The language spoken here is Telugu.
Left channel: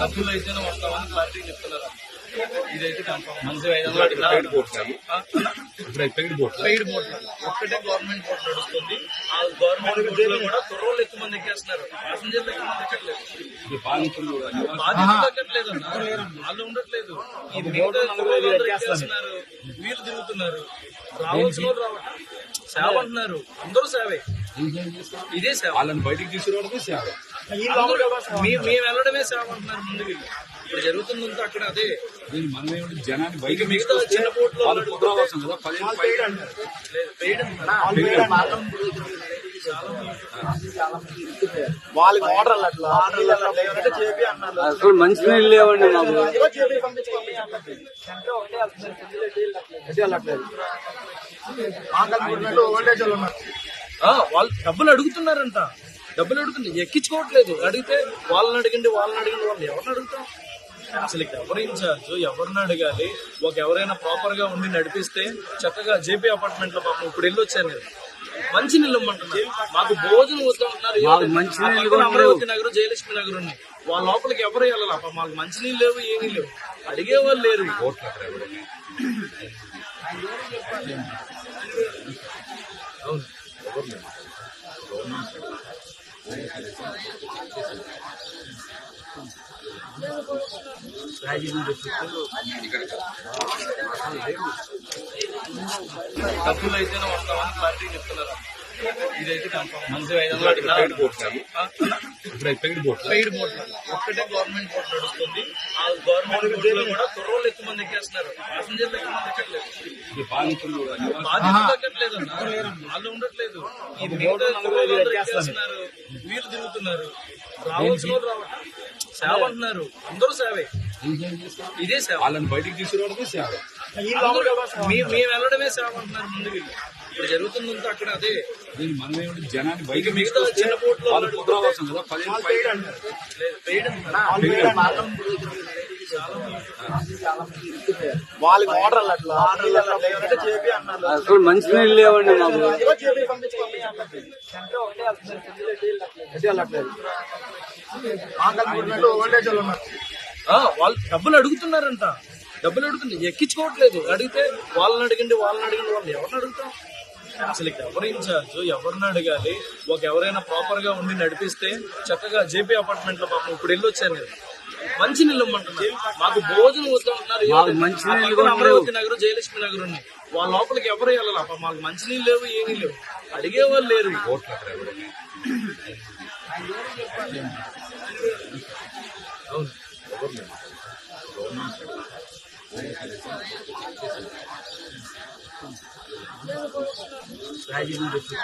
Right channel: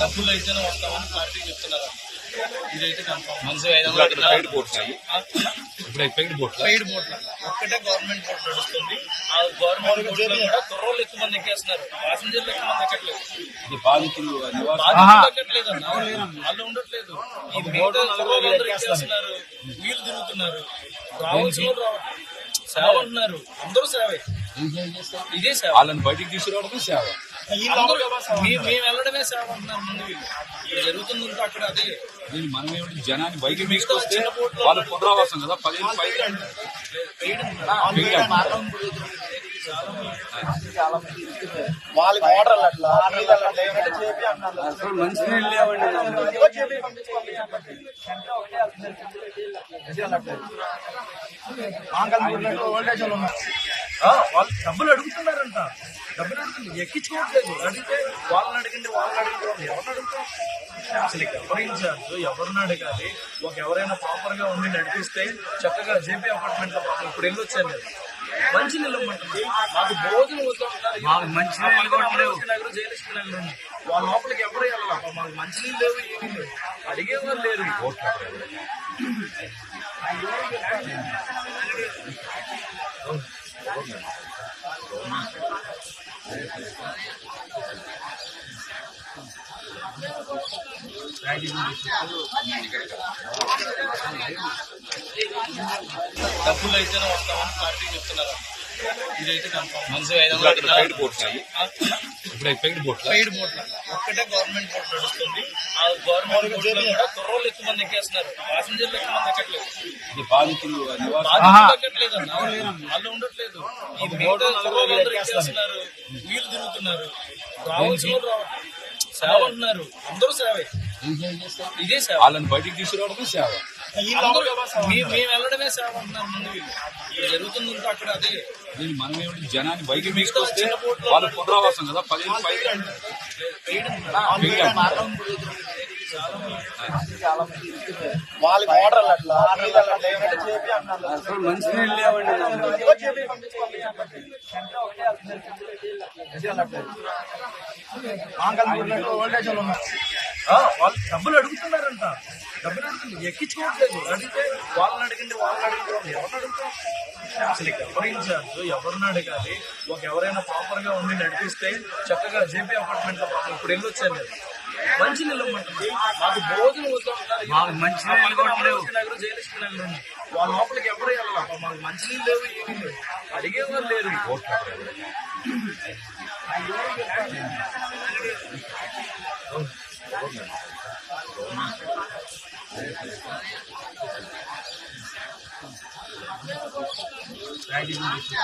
డబ్బులు అయితేనే వస్తామని క్లారిటీ చెప్తున్నారు. ఇదైతే కన్ఫర్మ్ ఐదు వందలు ఇప్పుడు పెయిడ్ బోట్ల? పెయిడ్ ఒక్కటే గవర్నమెంట్ బోట్ నడుస్తుంది. ఆ గవర్నమెంట్ బోట్లో కూడా కుర్రోళ్ళు ఎక్కువ మంది ఎక్కేస్తున్నారు. ప్యాసింజర్లు ఎక్కువ మంది ఎక్కట్లేదు. బాధితులు ఎక్కట్లేదు అన్న. వాళ్ళు ఉండట్లేదు. ఈ మిగతా కుర్రోళ్ళందరూ ఎక్కేస్తున్నారు. వీళ్ళు తిరుగుతున్నారు. రావాల్సిన వాళ్ళు రావట్లేదు. సేవ అంటున్నారు. అందరూ సేవే. ఇదే సేవ. వాళ్ళని బయటికి తీసుకురావడమే సేవ. మేము వెళ్ళడమే సేవ అంటున్నారు ముందు వీళ్ళు. ఇప్పుడు జరుగుతుందంతా అక్కడ అదే. దీన్ని మనం ఏమిటి జనాన్ని బయటికి మిగతా చిన్న బోట్లో వాళ్ళు పునరావాసం కదా పదిహేను పైగా. ఆర్డర్లు అట్లా అసలు మంచి నీళ్ళు లేవండి వాళ్ళు ఉన్నారు ఆ, వాళ్ళు డబ్బులు అడుగుతున్నారంట డబ్బులు అడుగుతుంది ఎక్కించుకోవట్లేదు అడిగితే వాళ్ళని అడగండి వాళ్ళని అడగండి వాళ్ళు ఎవరిని అడుగుతాం అసలు ఎవరు ఇన్ఛార్జ్ ఎవరిని అడగాలి ఒక ఎవరైనా ప్రాపర్గా ఉండి నడిపిస్తే చక్కగా జేపీ అపార్ట్మెంట్లో పాపం ఇప్పుడు వెళ్ళి వచ్చాను నేను మంచి నీళ్ళు ఇమ్మంటున్నారు. మాకు భోజనం వస్తూ మాకు మంచి అమరావతి నగరం జయలక్ష్మి నగరం. ఉంది వాళ్ళ లోపలికి ఎవరు వెళ్ళాలి? పాపం మాకు మంచి నీళ్ళు లేవు ఏమీ లేవు. అడిగే వాళ్ళు లేరు. డబ్బులు అయితేనే వస్తామని క్లారిటీ చెప్తున్నారు ఇదైతే కన్ఫర్మ్ మనిషి ఐదు వందలు అట్లా. పెయిడ్ బోట్స్ అయ్యి ఇప్పుడు అవి పెయిడ్ బోట్ల పెయిడ్ బోట్ ఒక్కటే గవర్నమెంట్ బోట్ నడుస్తుంది. ఆ గవర్నమెంట్ బోట్లో కూడా కుర్రోళ్ళు ఎక్కువ మంది ఎక్కేస్తున్నారు. ప్యాసింజర్లు ఎక్కువ మంది ఎక్కట్లేదు. బాధితులు ఎక్కట్లేదు అన్న వాళ్ళు ఉండట్లేదు. ఈ మిగతా ఎక్కేస్తున్నారు. వీళ్ళు తిరుగుతున్నారు. రావాల్సిన రావట్లేదు. సేవ అంటున్నారు. అందరూ సేవే. ఇదే సేవ. వాళ్ళని బయటికి తీసుకురావడమే సేవ. మేము వెళ్ళడమే సేవ అంటున్నారు ముందు వీళ్ళు ఇప్పుడు జరుగుతుందంతా అక్కడ అదే. దీన్ని మనం ఏమిటి జనాన్ని బయటికి మిగతా చిన్న బోట్లో వాళ్ళు పునరావాసం కదా పదిహేను పైగా వాళ్ళ ఆర్డర్లు అట్లా ఆర్డర్లు అట్లా మంచి నీళ్ళు లేవండి వాళ్ళు డబ్బులు అడుగుతున్నారంట. డబ్బులు అడుగుతుంది ఎక్కించుకోవట్లేదు. అడిగితే వాళ్ళని అడగండి వాళ్ళని అడగండి వాళ్ళు ఎవరిని అడుగుతాం అసలు ఎవరు ఇన్ఛార్జ్ ఎవరిని అడగాలి ఒక ఎవరైనా ప్రాపర్గా ఉండి నడిపిస్తే చక్కగా జేపీ అపార్ట్మెంట్లో పాపం ఇప్పుడు వెళ్ళి వచ్చాను నేను. మంచి నీళ్ళు ఇమ్మంటున్నారు మాకు భోజనం వస్తూ మాకు మంచి అమరావతి నగరం జయలక్ష్మి నగరం ఉంది. వాళ్ళ లోపలికి ఎవరు వెళ్ళాలి? పాపం మాకు మంచి నీళ్ళు లేవు ఏమీ లేవు. అడిగే వాళ్ళు లేరు 大事にです。